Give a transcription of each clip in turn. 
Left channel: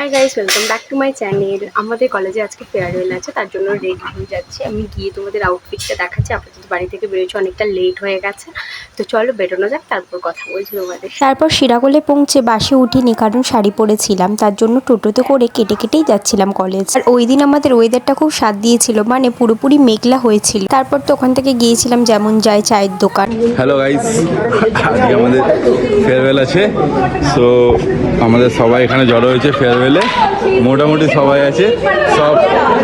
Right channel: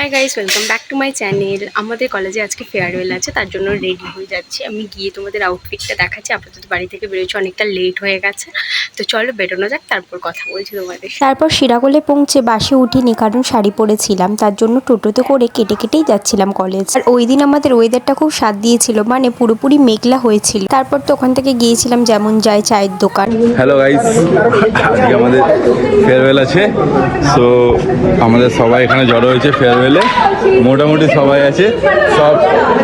Hi guys welcome back to my channel আমাদের কলেজে আজকে ফেয়ারওয়েল আছে তার জন্য রেডি হয়ে যাচ্ছি। আমি গিয়ে তোমাদের আউটফিটটা দেখাচ্ছি। আপাতত বাড়ি থেকে বেরোচ্ছি অনেকটা লেট হয়ে গেছে। তো চলো বেরোনো যাক তারপর কথা বলছি তোমাদের তারপর শিরাগোলে পৌঁছে বাসে উঠিনি কারণ শাড়ি পরেছিলাম। তার জন্য টোটোতে করে কেটে কেটেই যাচ্ছিলাম কলেজ আর ওই দিন আমাদের ওয়েদারটা খুব স্বাদ দিয়েছিল মানে পুরোপুরি মেঘলা হয়েছিল। তারপর তো ওখান থেকে গিয়েছিলাম যেমন যায় চায়ের দোকান। হ্যালো গাইস আজকে আমাদের ফেয়ারওয়েল আছে। সো আমাদের সবাই এখানে জড়ো হয়েছে ফেয়ারওয়েলে মোটামুটি সবাই আছে। সব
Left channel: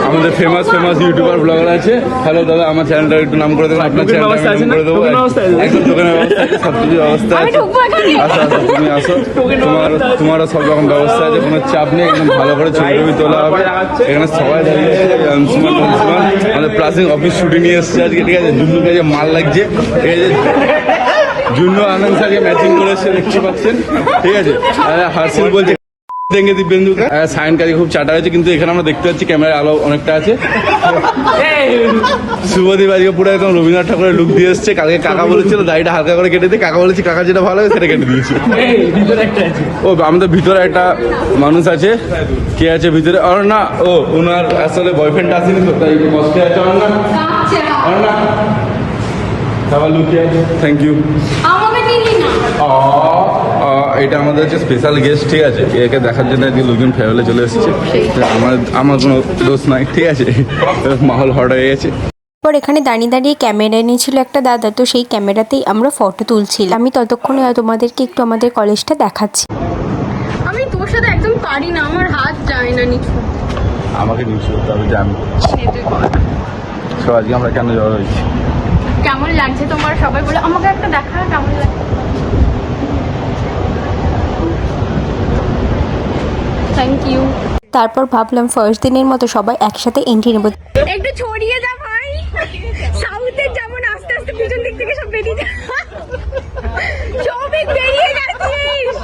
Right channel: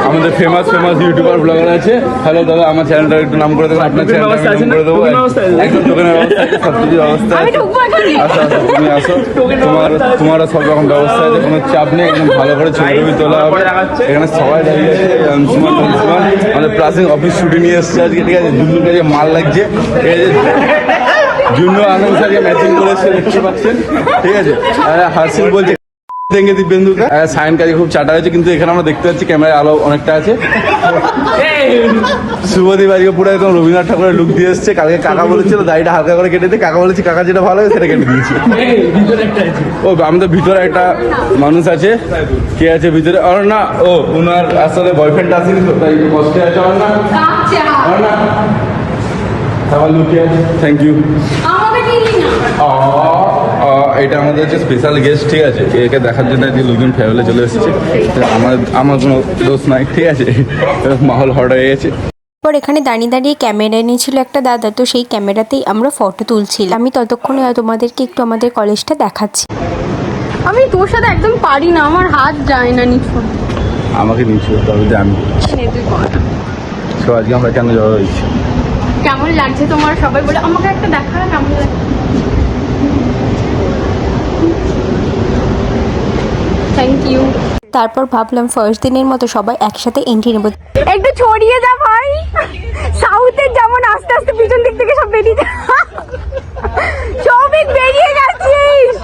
আমাদের ফেমাস ফেমাস ইউটিউবার ব্লগার আছে। হ্যালো দাদা আমার চ্যানেলটা একটু নাম করে দেবো আপনার করে দেবো। একদম টোকেনের ব্যবস্থা আছে সব কিছু ব্যবস্থা আছে। আসো আসো তুমি আসো। তোমার তোমারও সব রকম ব্যবস্থা আছে। কোনো চাপ নেই একদম ভালো করে ছবি টবি তোলা হবে। এখানে সবাই দাঁড়িয়ে আছে। অংশুমান টংশুমান আমাদের প্লাসিং অফিস ছুটি নিয়ে এসছে আজকে ঠিক আছে? জুল্লুকে যে মাল লাগছে ঠিক আছে? জুন্নু আনন্দ স্যারকে ম্যাচিং করেছে দেখতে পাচ্ছেন? ঠিক আছে? আর হাসিন বলছে দেখে দিব্যেন্দুকা সায়ন কাজে খুব চাটা হয়েছে কিন্তু এখানে আমরা দেখতে পাচ্ছি ক্যামেরায় আলো অনেকটা আছে। শুভদীপ আজকে পুরো একদম রবীন্দ্রনাথ ঠাকুরের লুক দিয়ে এসছে। কালকে কাকা বলেছিল দাড়িটা হালকা করে কেটে দিয়ে কাকা বলেছি কাকা যেটা ভালো হবে সেটা কেটে দিয়েছে। ও আমাদের ভিতরে একটা মানুষ আছে। কে আছে ভিতরে? আর না ও ওনার আসলে বয়ফ্রেন্ড আসেনি তো তাই একটু কষ্টে আছে। আর না আর না সবার লুকিয়ে আছে থ্যাংক ইউ এটা আমাদের হচ্ছে স্পেশাল গেস্ট ঠিক আছে? একে দেখার জন্য যে লোকজন ফেয়ারওয়েলে চলে এসেছে। আমার আমার কোনো দোষ নাই ঠিক আছে? মাহল হট হয়ে গেছে। পর এখানে দাঁড়িয়ে দাঁড়িয়ে ক্যামেরা এনেছিল একটা দাদা তো সেই ক্যামেরাতেই আমরা ফটো তুলছিলাম। আমি ততক্ষণে তোমাদেরকে একটু আমাদের কলেজটা দেখাচ্ছি। আমি তোর সাথে একদম পারি না আমার হাত যায় না নিচু। আমাকে নিচে তবে জানি। তো আজকে আমরা কেন জড়ো হয়েছি? কেমন লাগছে তোমার সবাই বলে আমাকে একটা দেখা কেমন লাগছে? থ্যাংক ইউ তারপর ভাবলাম ফার্স্ট দিনের মতো সবাই একসাথে এন্ট্রি নেব। একটু ছড়িয়ে যা ভাই। সাউথের যেমন আস্তে আস্তে পিছন দিক থেকে সব বেরিয়ে যা সবই বেরিয়ে গেছিস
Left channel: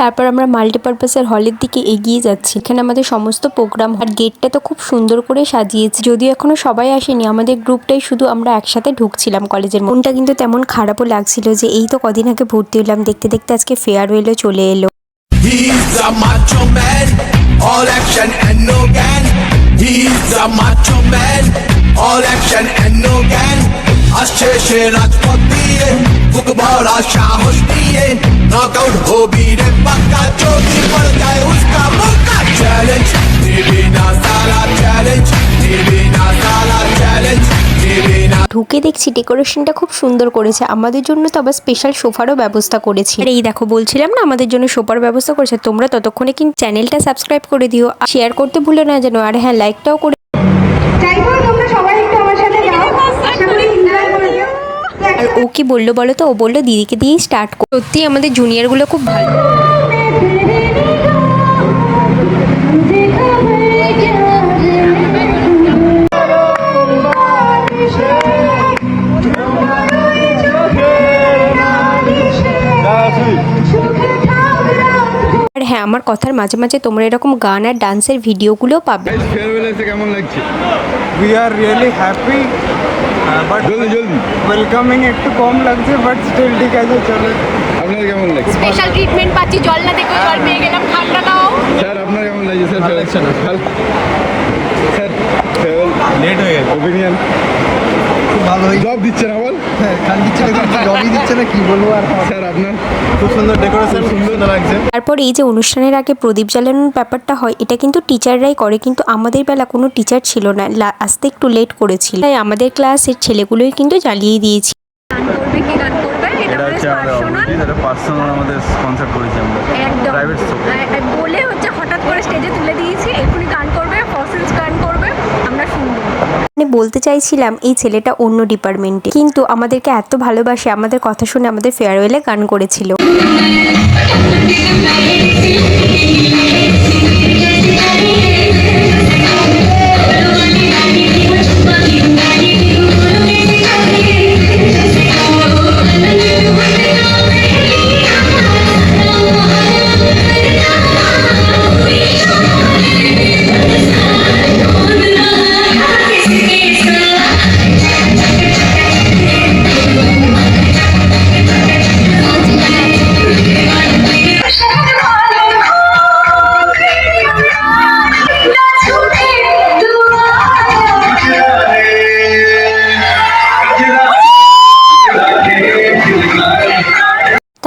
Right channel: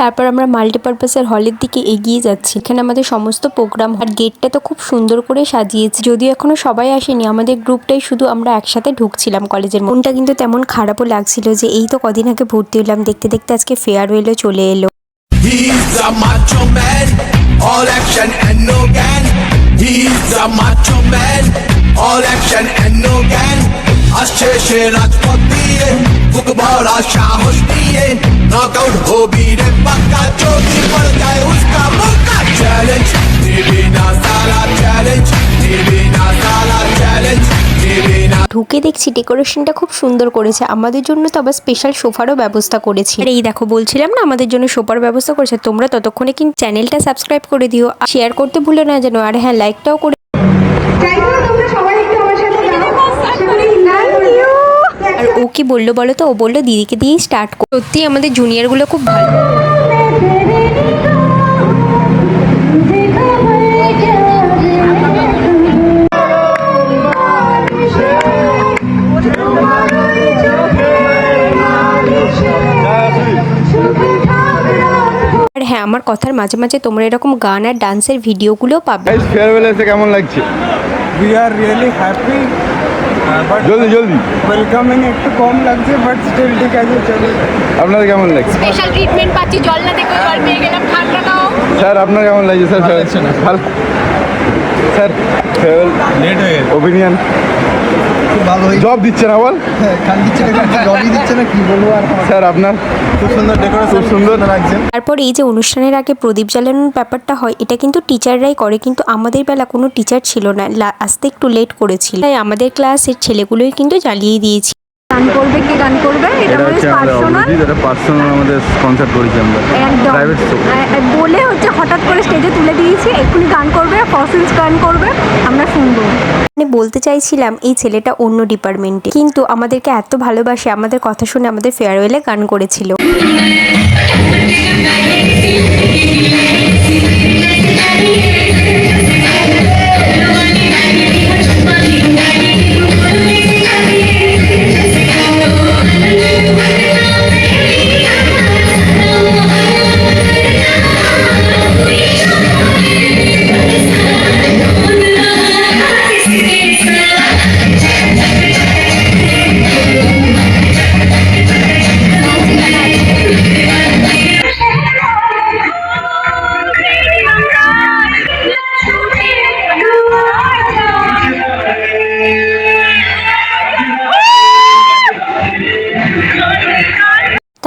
তারপর আমরা মাল্টিপারপাসের হলের দিকে এগিয়ে যাচ্ছি। এখানে আমাদের সমস্ত প্রোগ্রাম আর গেটটা তো খুব সুন্দর করে সাজিয়েছে। যদিও এখনও সবাই আসেনি, আমাদের গ্রুপটাই শুধু আমরা একসাথে ঢুকছিলাম কলেজের মনটা কিন্তু তেমন খারাপও লাগছিল যে এই তো কদিন আগে ভর্তি হলাম, দেখতে দেখতে আজকে ফেয়ারওয়েলও চলে এলো। All action and no বুক ভরা সাহস দিয়ে নক আউট হবি রে পাক্কা পড় যায় উসকা মুক্কা চ্যালেঞ্জ দিবি না সারা চ্যালেঞ্জ দিবি না সারা চ্যালেঞ্জ দিবি না ঢুকে দেখছি ডেকোরেশনটা খুব সুন্দর করেছে। আমাদের জন্য তো আবার স্পেশাল সোফারও ব্যবস্থা করেছি। আর এই দেখো বলছিলাম না আমাদের জন্য সোফার ব্যবস্থা করেছে। তোমরা ততক্ষণে কিন্তু চ্যানেলটা সাবস্ক্রাইব করে দিও। শেয়ার করতে ভুলে না যেন। আর হ্যাঁ লাইকটাও করে চাইব তোমরা সবাই একটু আমার সাথে যাও আশা করি enjoy করেছ। আর ও কি বলল বলো তো ও বলল দিদিকে দিয়েই স্টার্ট কর। সত্যি আমাদের জুনিয়রগুলো খুব ভালো। আর হ্যাঁ আমার কথার মাঝে মাঝে তোমরা এরকম গান আর ডান্সের ভিডিওগুলোও পাবে। ফেয়ারওয়েল এসে কেমন লাগছে? We are really happy. Uh, but জলদি জলদি welcoming একটু কম লাগছে বাট স্টিল ঠিক আছে চলো আপনাদের কেমন লাগছে স্পেশাল ট্রিটমেন্ট পাচ্ছি জল না দেখো জল পেয়ে গেলাম ঠান্ডা নাও স্যার আপনার কেমন লাগছে স্যার ভালো লাগছে না। ভালো স্যার ফেয়ারওয়েল লেট হয়ে গেছে ওপিনিয়ন খুব জব দিচ্ছে না বল? খান দিচ্ছে জবই দিচ্ছে না কি বলব আর স্যার আপনার খুব সুন্দর ডেকোরেশন সুন্দর লাগছে। তারপর এই যে অনুষ্ঠানের আগে প্রদীপ জ্বালানোর ব্যাপারটা হয় এটা কিন্তু টিচাররাই করে কিন্তু আমাদের বেলা কোনো টিচার ছিল না। আসতে একটু লেট করেছিল। তাই আমাদের ক্লাসের ছেলেগুলোই কিন্তু জ্বালিয়ে দিয়েছি। গান করবে কি গান করবে? এটা হচ্ছে আমাদের অভিজিৎ এটা পার্সোনাল আমাদের কনসার্ট করেছি আমরা। প্রাইভেট শো বলে হচ্ছে হঠাৎ করে স্টেজে তুলে দিয়েছি এক্ষুনি গান করবে ফসিলস গান করবে আমরা শুনব। মানে বলতে চাইছিলাম এই ছেলেটা অন্য ডিপার্টমেন্টে কিন্তু আমাদেরকে এত ভালোবাসে, আমাদের কথা শুনে আমাদের ফেয়ারওয়েলে গান করেছিল।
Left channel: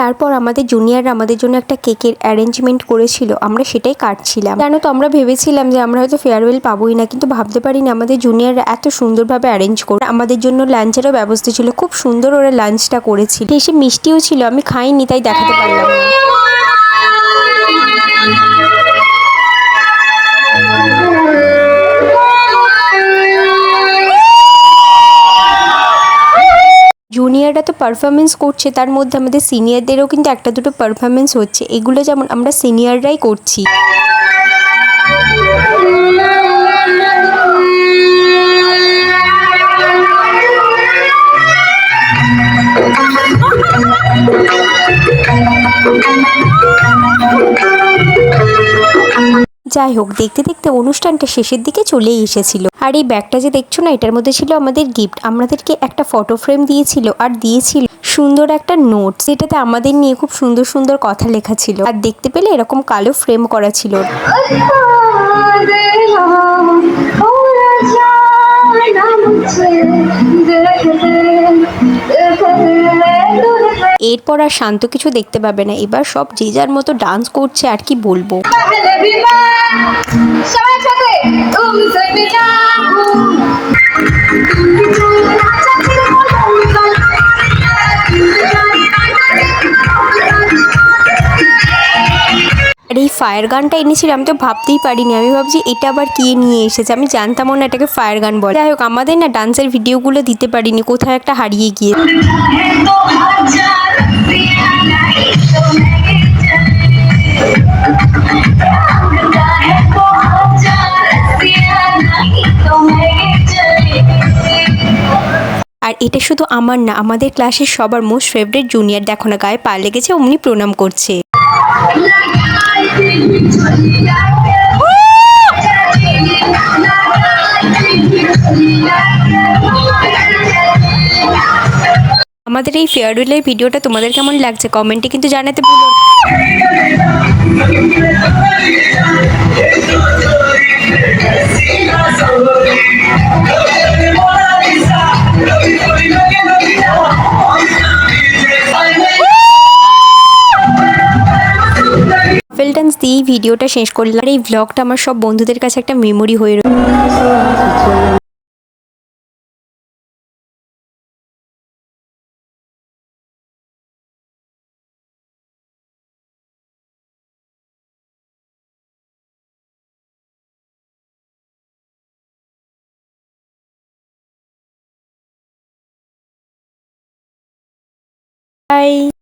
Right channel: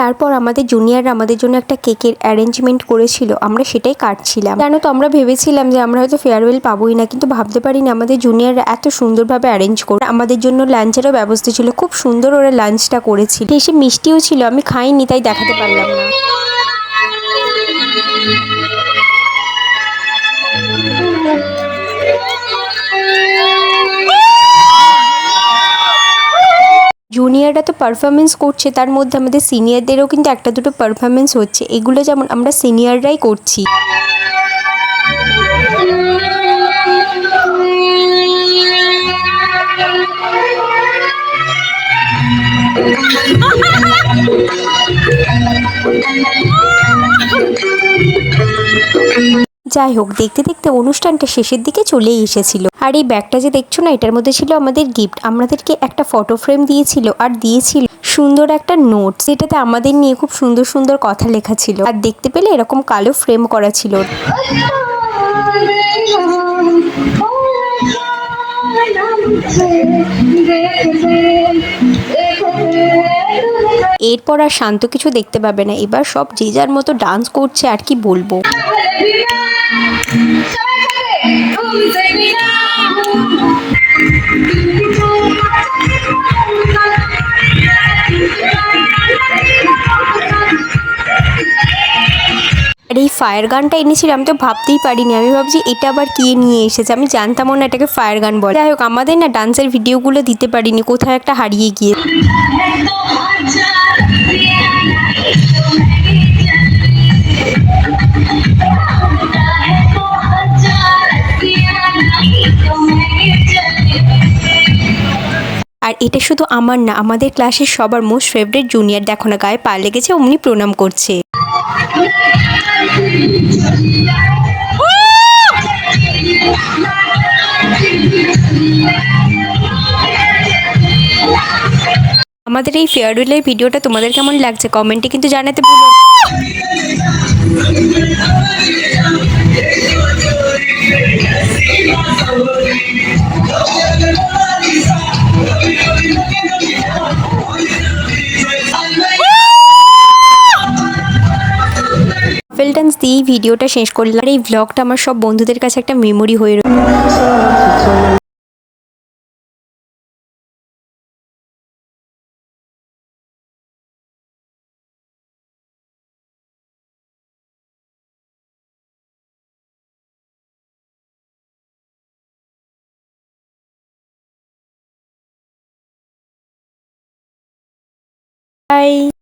তারপর আমাদের জুনিয়ররা আমাদের জন্য একটা কেকের অ্যারেঞ্জমেন্ট করেছিল, আমরা সেটাই কাটছিলাম। কেন তো আমরা ভেবেছিলাম যে আমরা হয়তো ফেয়ারওয়েল পাবোই না, কিন্তু ভাবতে পারিনি আমাদের জুনিয়ররা এত সুন্দরভাবে অ্যারেঞ্জ করে। আমাদের জন্য লাঞ্চেরও ব্যবস্থা ছিল, খুব সুন্দর ওরা লাঞ্চটা করেছিল। এসে মিষ্টিও ছিল, আমি খাইনি, তাই দেখাতে পারলাম না। জুনিয়ররা তো পারফরমেন্স করছে, তার মধ্যে আমাদের সিনিয়রদেরও কিন্তু একটা দুটো পারফরমেন্স হচ্ছে। এগুলো যেমন আমরা সিনিয়ররাই করছি। যাই হোক, দেখতে দেখতে অনুষ্ঠানটা শেষের দিকে চলেই এসেছিল। আর এই ব্যাগটা যে দেখছ না, এটার মধ্যে ছিল আমাদের গিফট আমাদেরকে একটা ফটো ফ্রেম দিয়েছিল আর দিয়েছিল সুন্দর একটা নোট যেটাতে আমাদের নিয়ে খুব সুন্দর সুন্দর কথা লেখা ছিল। আর দেখতে পেলে এরকম কালো ফ্রেম করা ছিল। এরপর আর শান্ত কিছু দেখতে পাবে না। এবার সব যে যার মতো ডান্স করছে আর কি বলব। ফায়ার গানটা এনেছিল, আমি তো ভাবতেই পারিনি। আমি ভাবছি, এটা আবার কে নিয়ে এসেছে? আমি জানতামও না এটাকে ফায়ার গান বলে। যাই হোক, আমাদের না ডান্সের ভিডিওগুলো দিতে পারিনি কোথাও একটা হারিয়ে গিয়ে। আর এটা শুধু আমার না, আমাদের ক্লাসের সবার মোস্ট ফেভারিট জুনিয়র দেখো না, গায়ে পা লেগেছে, অমনি প্রণাম করছে। আমাদের এই ফেয়ারওয়েলের ভিডিওটা তোমাদের কেমন লাগছে? কমেন্টে কিন্তু জানাতে ভুলো কাপেল ডান্স দিয়েই ভিডিওটা শেষ করলাম। আর এই ব্লগটা আমার সব বন্ধুদের কাছে একটা মেমোরি হয়ে রয়েছে বাই